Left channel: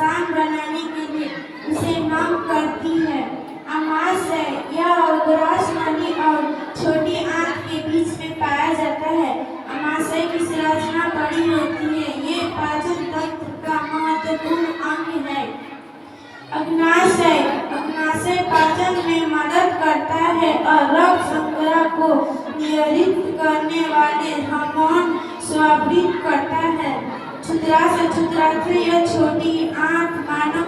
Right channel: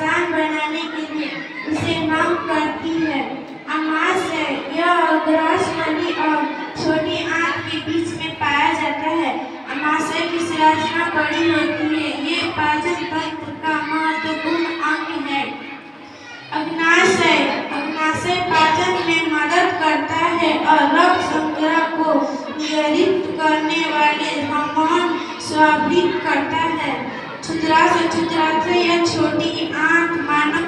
आसान बनाने के लिए उसे मांग करती है। अमाशय यह ग्रास नली और छोटी आंत के बीच में पाया जाता है। अमाशय की संरचना बड़ी होती है। ये पाचन तंत्र का महत्वपूर्ण अंग है। अग्नाशय पाचन में मदद करता है और रक्त संग्रह को नियंत्रित करने वाले हार्मोन स्रावित करता है। क्षुद्राशय यह छोटी आंत मानव